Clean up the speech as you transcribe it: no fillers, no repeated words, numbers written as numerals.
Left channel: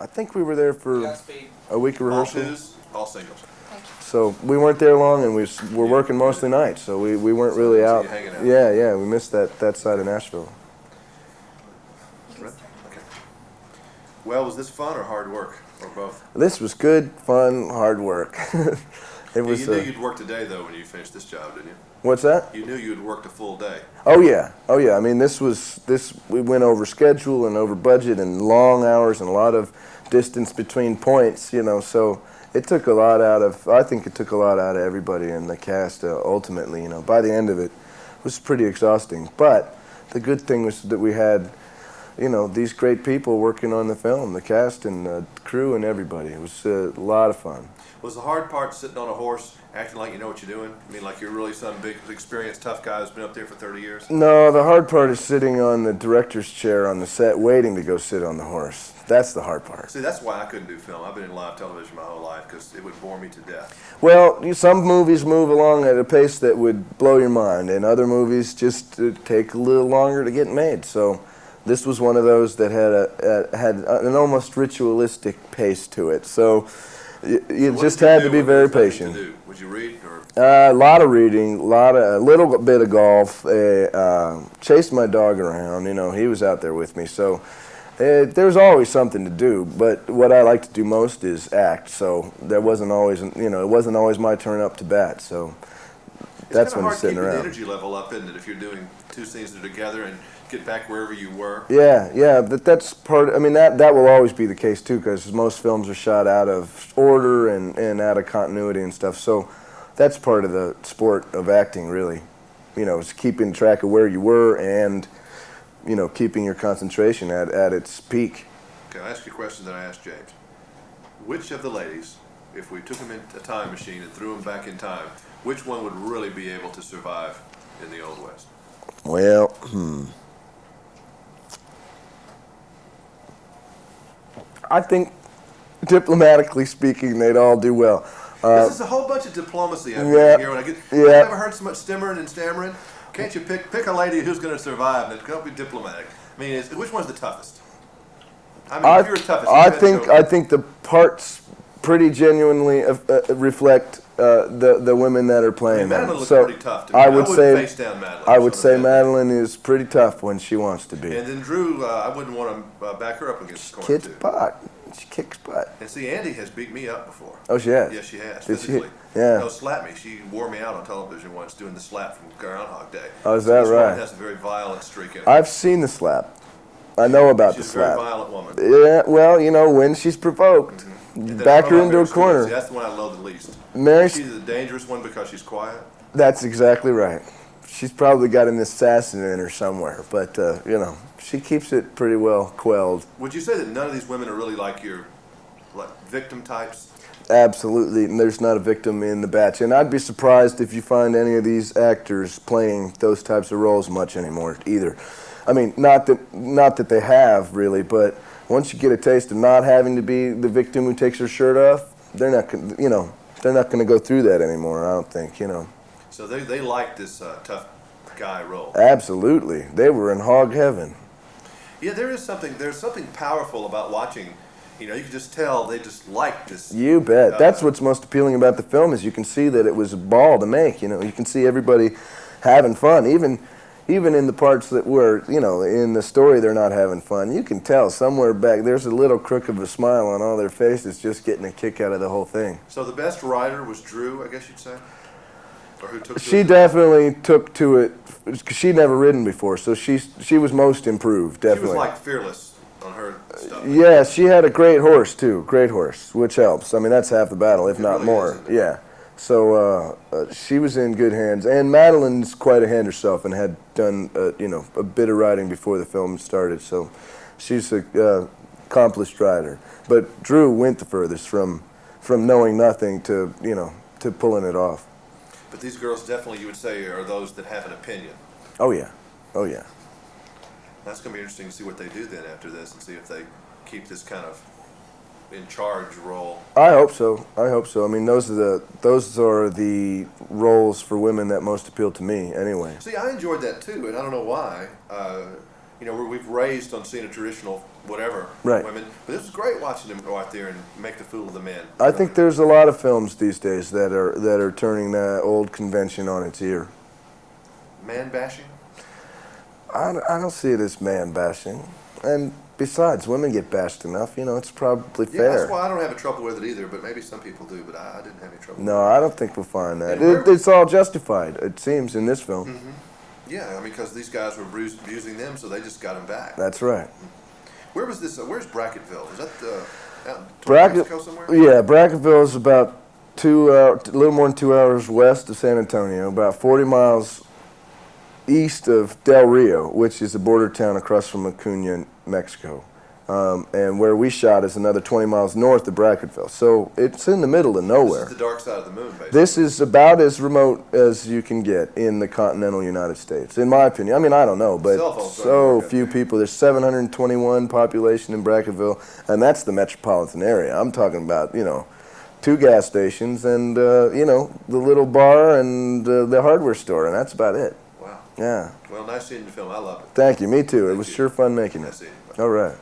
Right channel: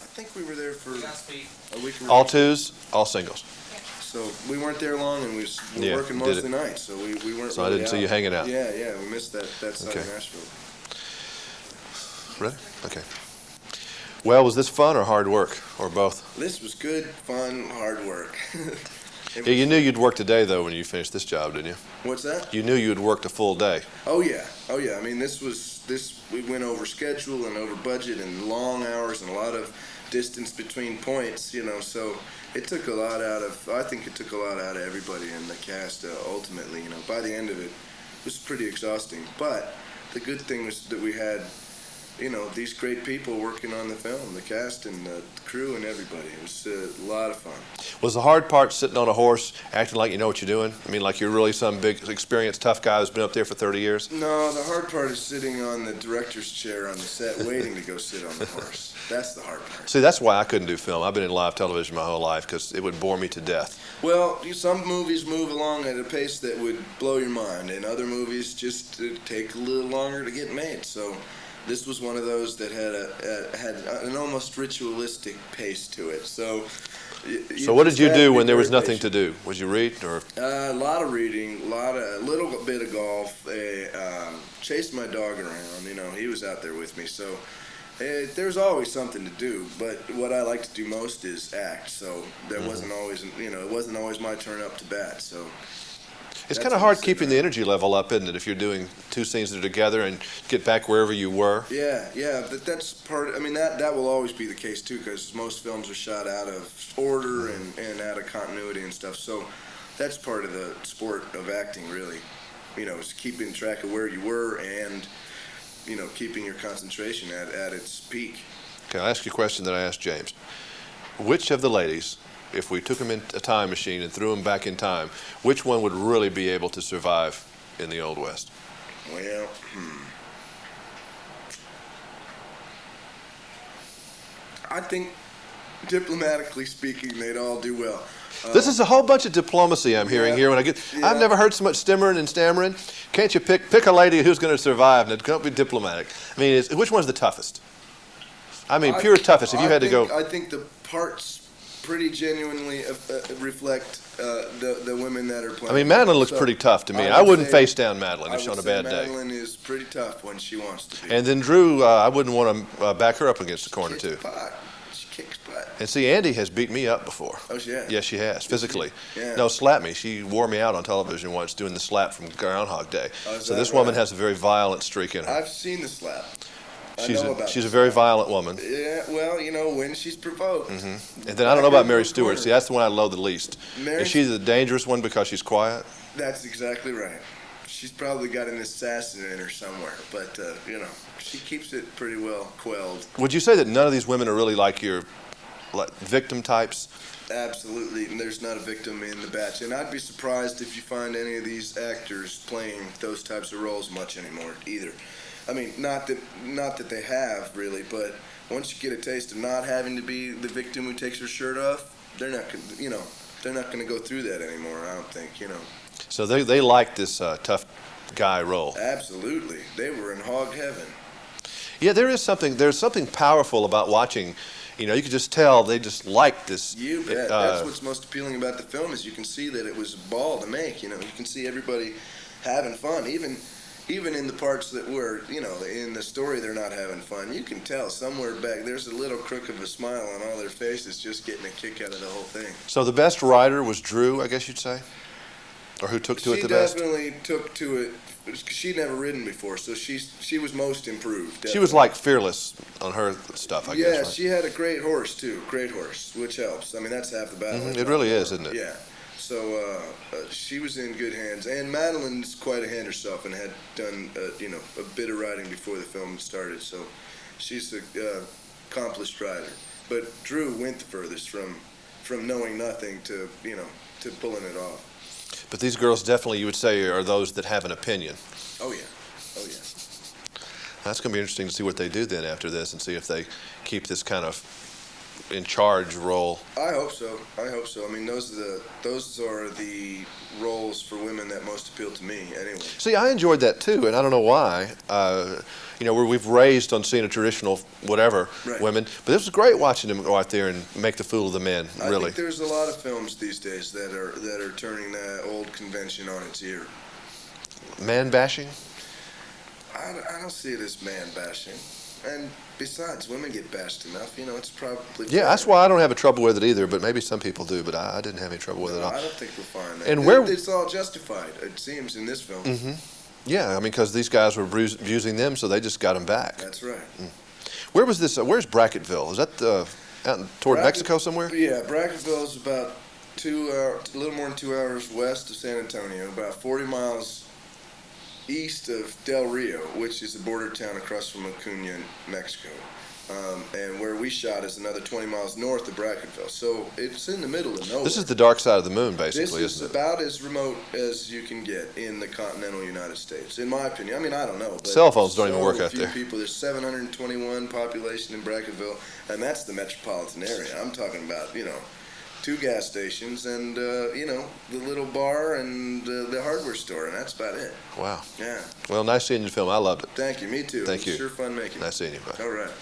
I think we were there for a week of rehearsal. All twos, all singles. So we weren't there long, and were Yeah, working most of the night, so we weren't really I didn't out. see you hanging out. Yeah, we missed that side of Okay. Nashville. Really? Okay. Well, was this fun or hard work, or both? This was good, fun, hard work. Yeah, you knew you'd work today, though, when you finished this job, didn't you? What's that? You knew you'd worked a full day. Oh yeah. I mean, we went over schedule and over budget and long hours and a lot of distance between points, so it took a lot I think it took a lot out of everybody in the cast ultimately, by the end of it. It was pretty exhausting. But the good thing was that we had, these great people working on the film, the cast and the crew and everybody. It was a lot of fun. Was the hard part sitting on a horse, acting like you know what you're doing? I mean, like you're really some big, experienced, tough guy who's been up there for 30 years? No, the hard part is sitting on the director's chair on the set, waiting to go sit on the horse. That's the hard part. See, that's why I couldn't do film. I've been in live television my whole life because it would bore me to death. Well, some movies move along at a pace that would blow your mind, and other movies just take a little longer to get made. So this was one of those that had an almost ritualistic pace to it. So what did you do when there was nothing to do? Would you read or? A lot of reading, a little bit of golf. Chased my dog around. He was out there with me. So there's always something to do. But what I like to do most is act. So that wasn't always, it wasn't always my turn up to bat. So. It's kind of hard keeping the energy level up, isn't it, if you're doing two scenes that are together and get back wherever you were? Yeah, but that's part. I mean, that will always be the case too, because most films are shot out of order and out of continuity and stuff. So that's part of the sport of acting, really. Is keeping track of where you were and keeping your concentration at its peak. Okay, I'll ask you a question that I asked James. Which of the ladies, if we took them in a time machine and threw them back in time, which one would really be able to survive in the Old West? Well, I think, diplomatically speaking, they'd all do well. This is a whole bunch of diplomacy I'm hearing here. I've never heard so much stimmering and stammering. Can't you pick a lady who's going to survive and it can't be diplomatic? I mean, which one's the toughest? I mean, pure toughest. I think the parts pretty genuinely reflect the women that are playing. I mean, Madeline looks pretty tough to me. I wouldn't face down Madeline. I would say Madeline is pretty tough when she wants to be. And then Drew, I wouldn't want to back her up against the corner, too. She kicks butt. And see, Andy has beat me up before. Oh, she has? Yes, she has, physically. Yeah. No, slapped me. She wore me out on television once doing the slap from Groundhog Day. Oh, is so that this right? woman has a very violent streak in her. I've seen the slap. I know about She's the a very slap. violent woman. Yeah, well, when she's provoked. Mm-hmm. And then Back I don't her know about into Mary a Stewart. corner. See, that's the one I love the least. Mary Is she the dangerous one because she's quiet? That's exactly right. She's probably got an assassin in her somewhere, but, she keeps it pretty well quelled. Would you say that none of these women are really like your victim types? Absolutely, and there's not a victim in the batch. And I'd be surprised if you find any of these actors playing those types of roles much anymore either. I mean, not that they have really, but once you get a taste of not having to be the victim who takes her shirt off, they're not going to go through that anymore. I don't think, So they like this tough guy role. Absolutely, they were in hog heaven. Yeah, there's something powerful about watching. You can just tell they just like this. You bet. That's what's most appealing about the film is you can see that it was a ball to make. You can see everybody having fun, even in the parts that were, in the story they're not having fun. You can tell somewhere back there's a little crook of a smile on all their faces just getting a kick out of the whole thing. So the best writer was Drew, I guess you'd say? Or who took to it She the best? definitely took to it, because she'd never ridden before, so she was most improved, definitely. She was like fearless on her stuff. Yeah, she had a great horse, too. Great horse, which helps. I mean, that's half the battle, if It not really more. is, isn't it? Yeah. So she was in good hands. And Madeline's quite a hand herself and had done, a bit of riding before the film started. So she's an accomplished rider. But Drew went the furthest from knowing nothing to pulling it off. But these girls definitely, you would say, are those that have an opinion. Oh, yeah. Oh, yeah. That's going to be interesting to see what they do then after this and see if they keep this kind of in charge role. I hope so. I hope so. I mean, those are the roles for women that most appeal to me, anyway. See, I enjoyed that too, and I don't know why. Where we've raised on seeing a traditional whatever women, but this was great watching them go out there and make the fool of the men. I think there's a lot of films these days that are turning that old convention on its ear. Man bashing? I don't see it as man bashing, and besides, women get bashed enough. It's probably fair. Yeah, that's why I don't have a trouble with it either. But maybe some people do. But I didn't have any trouble with it. No, I don't think we'll find that. And it's all justified, it seems, in this film. Mm-hmm. Yeah, I mean, because these guys were abusing them, so they just got them back. That's right. Where was this? Where's Bracketville? Is that out toward Mexico somewhere? Yeah, Bracketville is about a little more than 2 hours west of San Antonio, about 40 miles east of Del Rio, which is a border town across from Acuna, Mexico. And where we shot is another 20 miles north of Bracketville. So it's in the middle of nowhere. This is the dark side of the moon, basically. This is about as remote as you can get in the continental United States, in my opinion. I mean, I don't know, but cell phones don't even work out few there. people. There's 721 population in Bracketville, and that's the metropolitan area. I'm talking about, 2 gas stations and, the little bar and the hardware store, and that's about it. Wow. Yeah. Well, nice seeing you film. I loved it. Thank you. Me too. Thank It was you. sure fun making it. Nice seeing you. Bye. All right.